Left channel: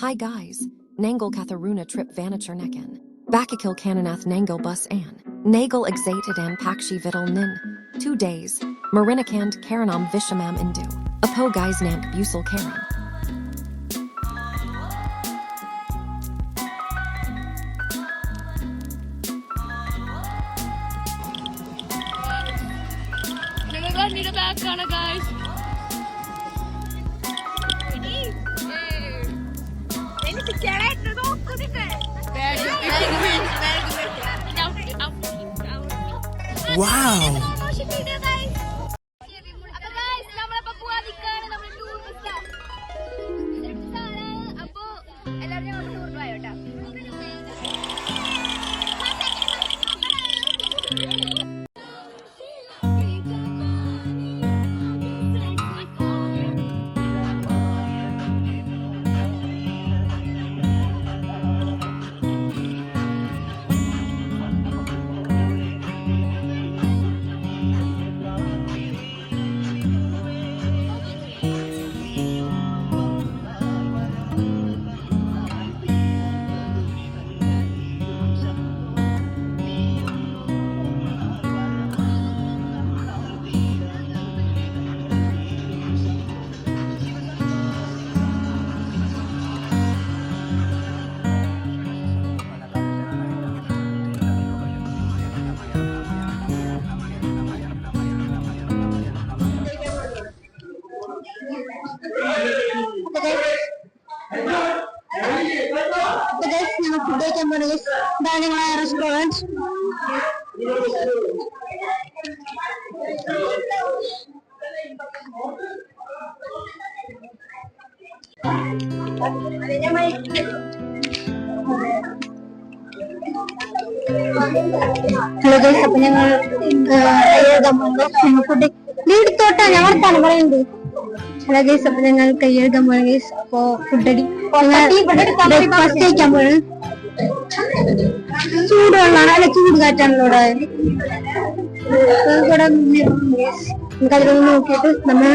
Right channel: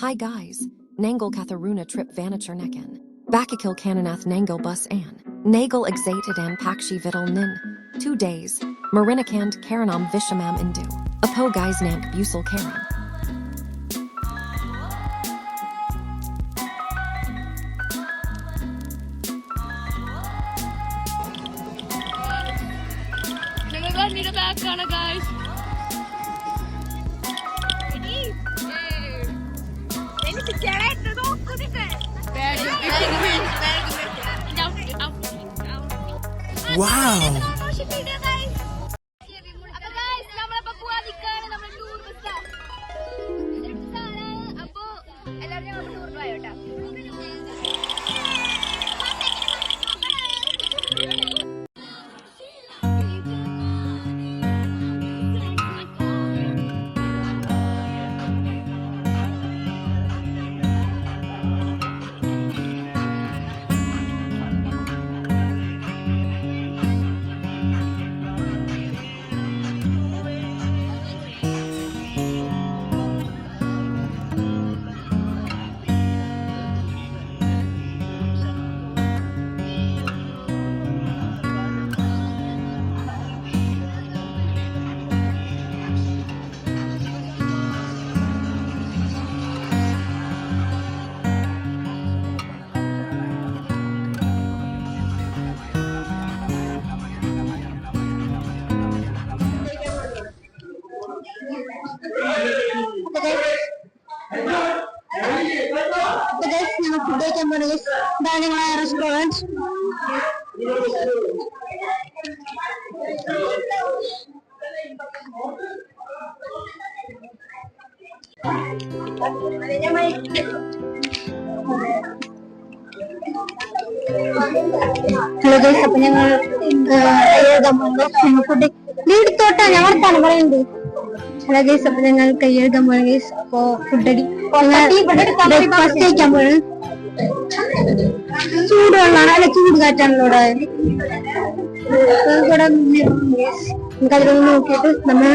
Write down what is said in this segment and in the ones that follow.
Hi guys, Nangal Katharuna trip Vanachernekan. Bakakil Kananath Nangal bus an. Nagal exated an Pakshi Vittal nin. 2 days. Marinakand Karanam Vishamam Indu. Apo guys Namp Busal Karan. Need a back on it, guys. Wow! Restaurant. Hello guys, അപ്പോൾ ഞങ്ങൾ food എടുത്തോട്ടാ ഞാൻ വർത്താനം പറയുന്നത്. Hello guys, അപ്പോൾ ഞങ്ങൾ കൈയെഴുതാൻ പോയ guys. അപ്പോ ഫുഡടി breakfast കഴിക്കാൻ പോയത് ചൂടുവെള്ളമാണ്, അല്ല ചൂട് കാറ്റാണല്ലോ ഇവിടെ. നമുക്കതിലൊന്ന് നോക്കിയിട്ട് നമ്മൾ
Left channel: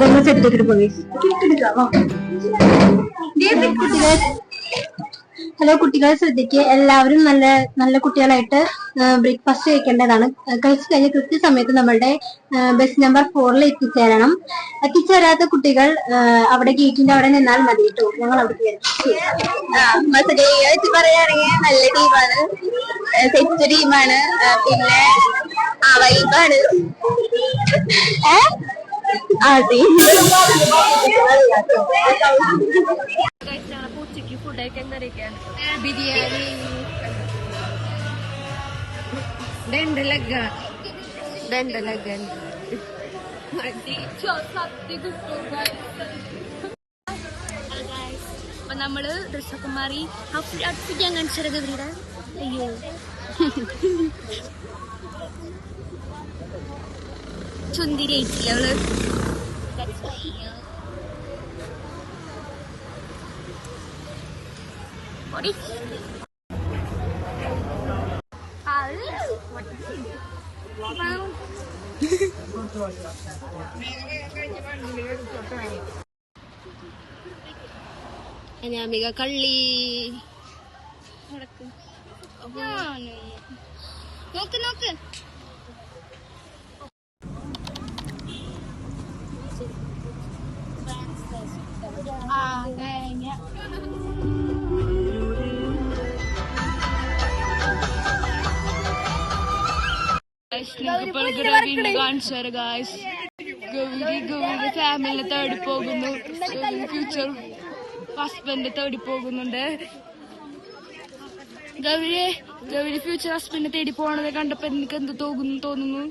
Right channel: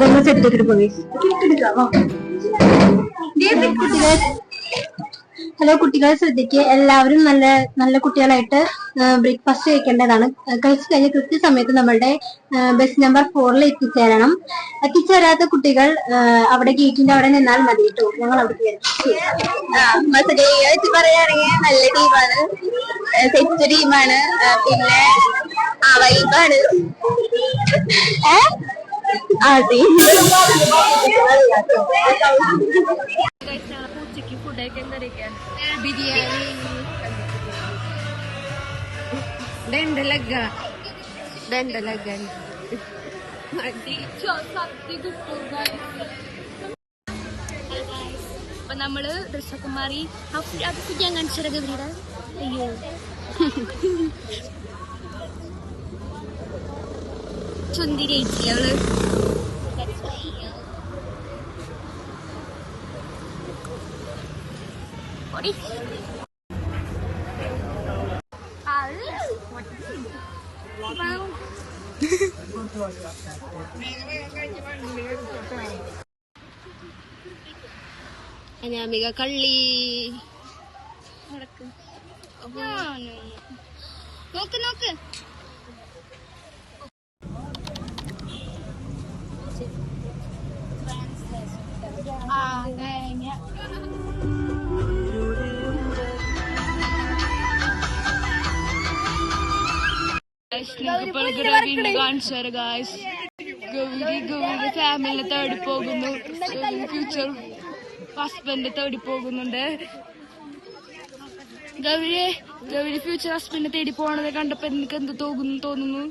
മുഖം സെറ്റ് ചെയ്തിട്ട് പോയി. ഹലോ കുട്ടികളെ ശ്രദ്ധിക്കുക, എല്ലാവരും നല്ല നല്ല കുട്ടികളായിട്ട് ബ്രേക്ക്ഫാസ്റ്റ് കഴിക്കേണ്ടതാണ്. കഴിച്ചു കഴിഞ്ഞ കൃത്യസമയത്ത് നമ്മളുടെ ബസ് നമ്പർ 4 എത്തിച്ചേരണം. എത്തിച്ചേരാത്ത കുട്ടികൾ അവിടെ ഗേറ്റിന്റെ അവിടെ നിന്നാൽ മതി കേട്ടോ. ഞങ്ങൾ അവിടെ പറയുകയാണെങ്കിൽ നല്ല ടീമാണ്, സെറ്റ് ടീമാണ്, പിന്നെ വൈബാണ്. ഉച്ചക്ക് ഫുഡ് കഴിക്കാൻ കറിയൊക്കെയാണ് ബിരിയാണി, അപ്പൊ നമ്മള് ഡ്രസ്സൊക്കെ മാറി ഞാൻ കാണിച്ചത് ഇവിടെ. അയ്യോ ചുന്തിരയിച്ചില്ല അവള്. അനാമിക കള്ളി നോക്ക് നോക്ക്. കാണിച്ചാറ് ഗായ്സ്. ഗൗരിയുടെ ഫാമിലിനെ തേടി പോകുന്നു, ഫ്യൂച്ചർ ഹസ്ബൻഡ് തേടി പോകുന്നുണ്ട്. ഗൗരി ഫ്യൂച്ചർ ഹസ്ബൻഡിനെ തേടി പോണത് കണ്ടപ്പോ എനിക്ക് എന്ത് തോന്നുന്നു?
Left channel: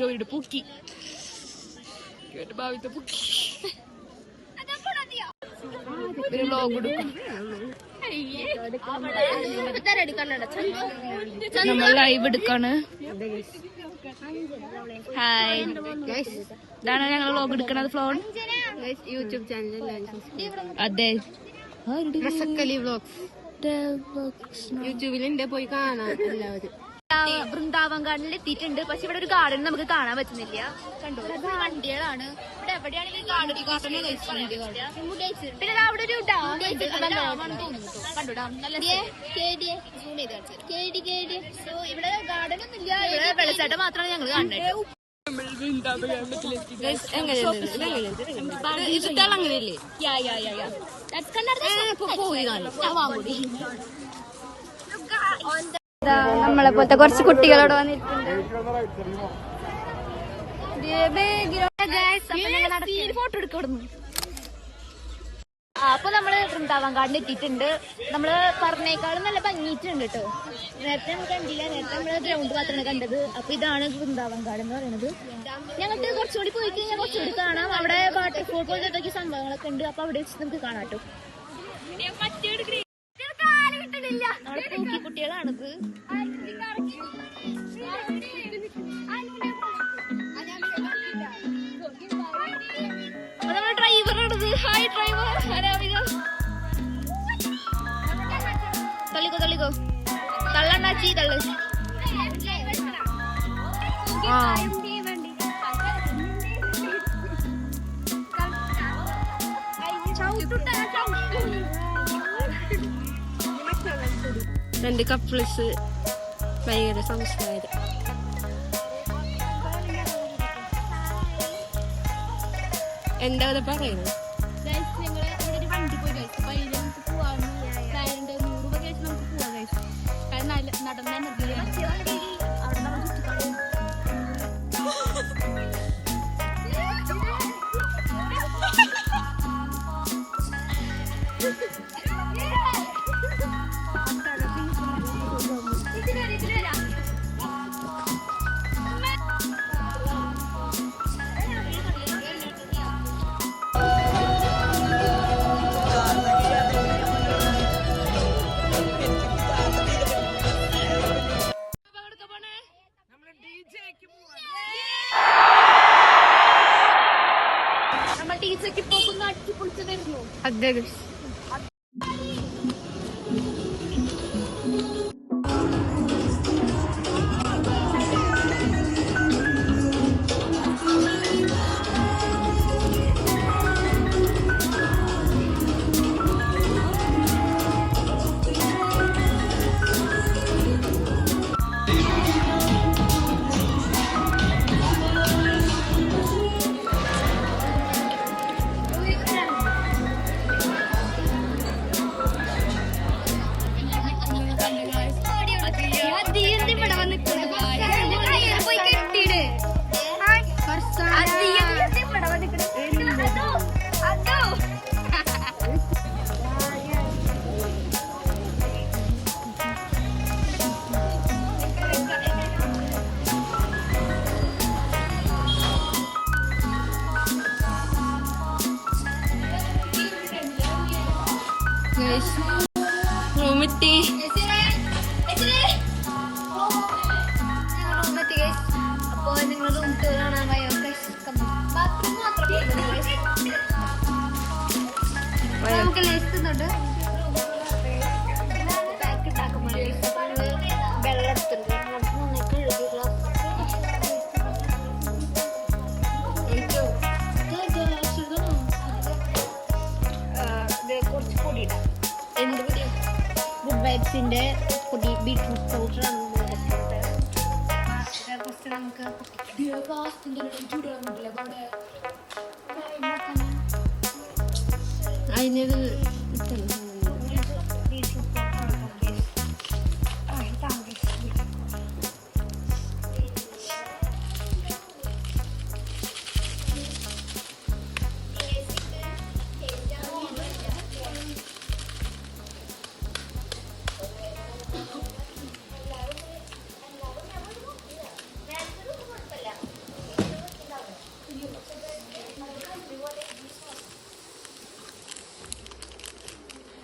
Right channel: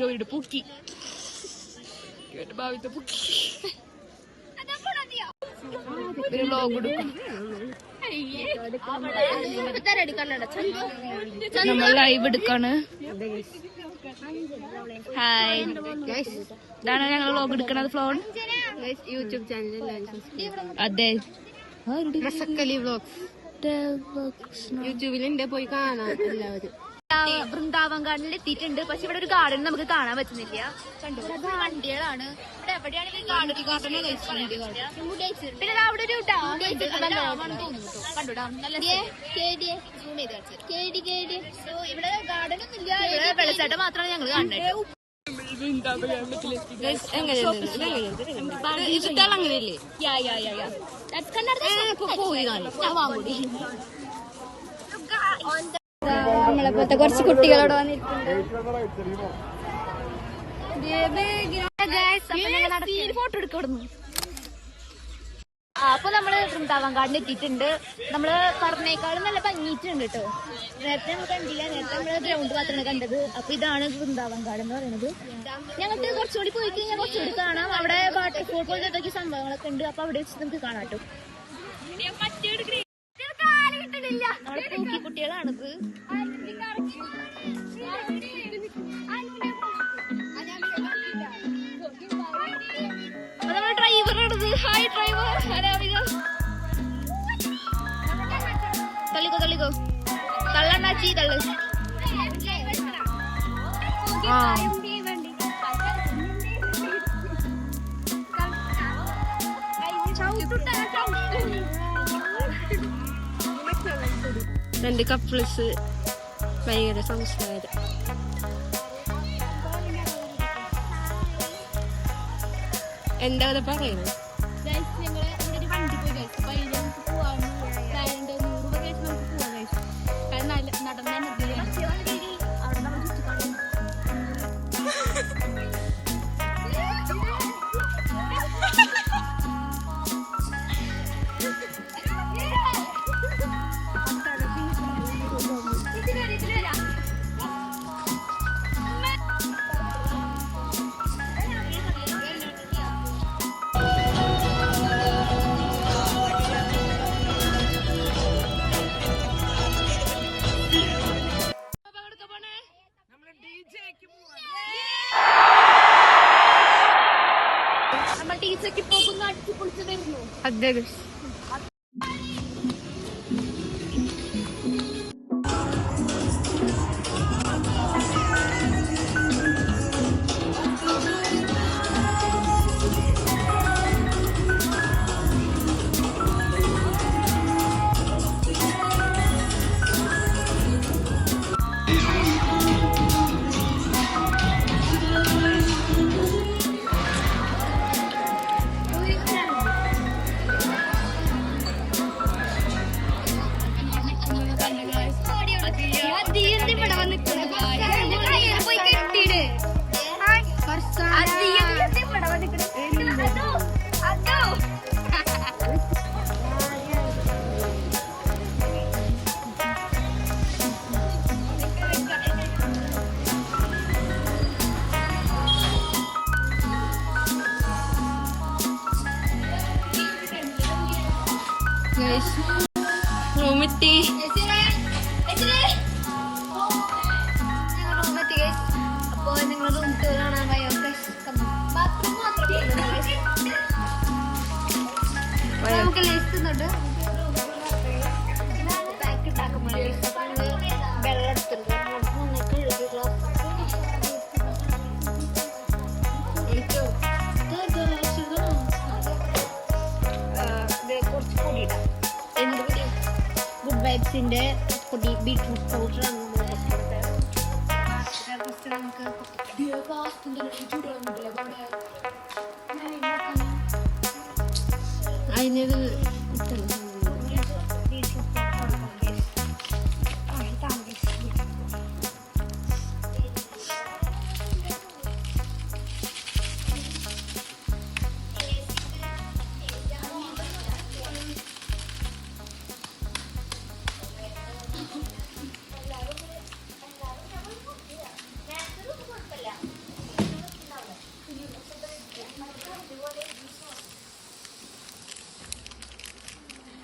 ഗൗരിയുടെ പൂക്കി, ഭാവിത്തെ പൂക്കി. ഒരു വ്ലോഗ് എടുക്കും, നമ്മൾ ലൈവ് എടുക്കാണ്. ഹായ്, ഇതാണ് ഞങ്ങൾ വ്ലോഗ് എടുക്കണത്. Flown YouTube channel. അതെ, യൂട്യൂബിൽ പോയി കാണാം എല്ലാവരും. വൃന്ദാവൻ ഗാർഡനിൽ എത്തിയിട്ടുണ്ട്. പക്ഷെ ഇവിടെ ഒരു ഗാർഡൻ നമുക്ക് കാണാൻ പറ്റുന്നില്ല. കണ്ടു വണ്ടികളാണ്. എവിടെയാണെങ്കിൽ പിന്നെ അവിടെ ഒരു ഡാം കണ്ടു. ഡാം നല്ല ഇവിടെ ഗാർഡൻ ഒന്നും ഇല്ല. ഇവിടെ വെള്ളച്ചാട്ടം മാത്രമാണ് ഞങ്ങൾ കാണുന്നത്. അങ്ങനെയല്ലേ നമ്മളെ പോലത്തെ കുറച്ച് കുട്ടികളോട് വന്നിട്ടുണ്ട്. ഫോട്ടോ എടുക്കുന്നു. അപ്പൊ നമ്മള് വൃന്ദാവൻ ഗാർഡൻ എത്തിയിട്ടുണ്ട്. നമ്മള് പറഞ്ഞേക്കാളും നല്ല ഭംഗിയിട്ടുണ്ട് കേട്ടോ. നേരത്തെ നമ്മൾ കണ്ടില്ല. നേരത്തെ നമ്മള് ഗ്രൗണ്ട് മാത്രമാണ് കണ്ടത്. അപ്പൊ ഇതാണ് വൃന്ദാവൻ ഗാർഡൻ എന്ന് പറയുന്നത്. ഞങ്ങൾക്ക് കുറച്ചുകൂടി പോയി കഴിഞ്ഞാൽ കുറച്ചുകൂടി കാണാം. അവിടെ വാട്ടർഫോൾ പോലത്തെ എന്തൊക്കെ സംഭവങ്ങളൊക്കെ ഉണ്ട്. അപ്പൊ അവിടെ വെച്ച് നമുക്ക് കാണാം കേട്ടോ. നമ്മളെ പൂക്കി കുട്ടികളാണിത്. നമ്മുടെ ഡ്രൈവറാണിത്. Hi driver. തള്ളിക്കോ തള്ളിക്കോ. തള്ളണ്ടാച്ചി തള്ളു. രണ്ട് കപ്പിൾസ് ഭയങ്കര സംസ്കാരം. എന്താ പറയുന്നത്? ഞങ്ങള് ഇവിടെ ഒരു വണ്ടി പോയി കഴിച്ചു. അപ്പൊ അതിൽ നമുക്ക് പോവാൻ 100 രൂപ കഴിച്ച് നമുക്ക് പോവാൻ കഴിച്ചു. കാരണം നടന്ന അവിടെ നമ്മൾ ചുറ്റിക്കാണും. നമ്മൾ ടീച്ചർക്ക് പോകുന്ന അടിച്ചു പൊളിച്ചു വരുന്നു. അതെ റൂമെത്തി. അപ്പൊ നിങ്ങൾ റൂം ടൂർ കാണാൻ പോയോ? ബാത്റൂം മാത്രമേ നമുക്ക് ലേസുന്നുണ്ട്. പാക്ക് ഉണ്ടാക്കുമ്പോൾ വെള്ളം എടുത്തിട്ടുണ്ട്. കഴുകി ഗ്ലാസ് കുറച്ച് പൊടി ഇടാം. എന്ത് പൊടി? ഗുഡ് വൈബ്സിന്റെ പൊടി. ബീട്രൂട്ട് പൗഡർ നമുക്ക് അതിനത്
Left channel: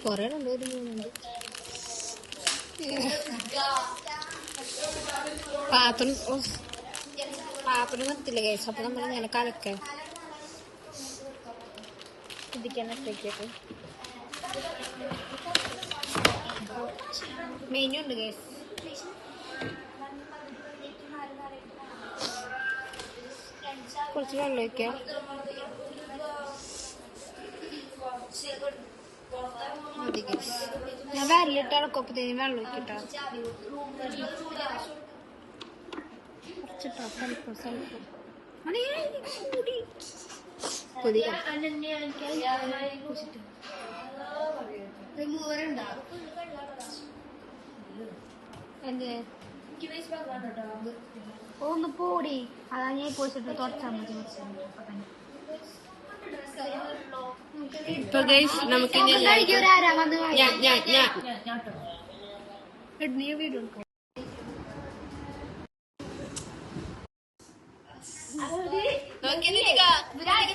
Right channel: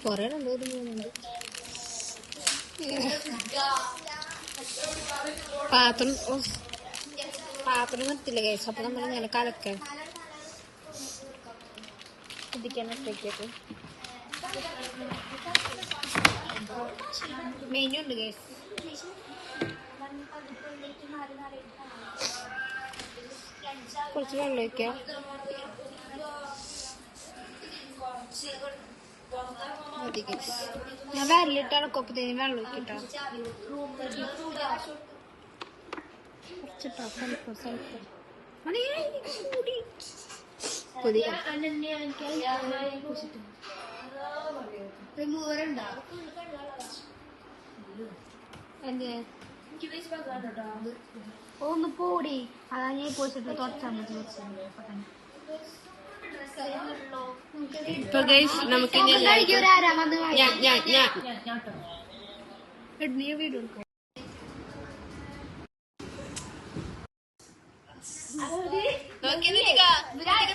കൊറേ പാത്രം നിർത്തില്ല കേസ്. അപ്പൊ നമ്മൾ ഇങ്ങനെ കലക്കാം. മെനു ഉണ്ട് കേസ്. കുറച്ച് വെള്ളം ഒഴിക്കാം. ഞാൻ വിരലിട്ട് ഇളക്കൊപ്പത്തേന് വെള്ളം ഒഴിക്കട്ടോ. കുറച്ചിട്ടോ സ്വല്പം ഒന്ന് പോടി. അതാ ഞാൻ പോയിട്ട് തുടച്ചാൽ മതി. ഇപ്പൊ നമുക്ക് വീഡിയോ എടുക്കാം.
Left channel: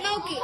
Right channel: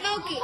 നോക്കി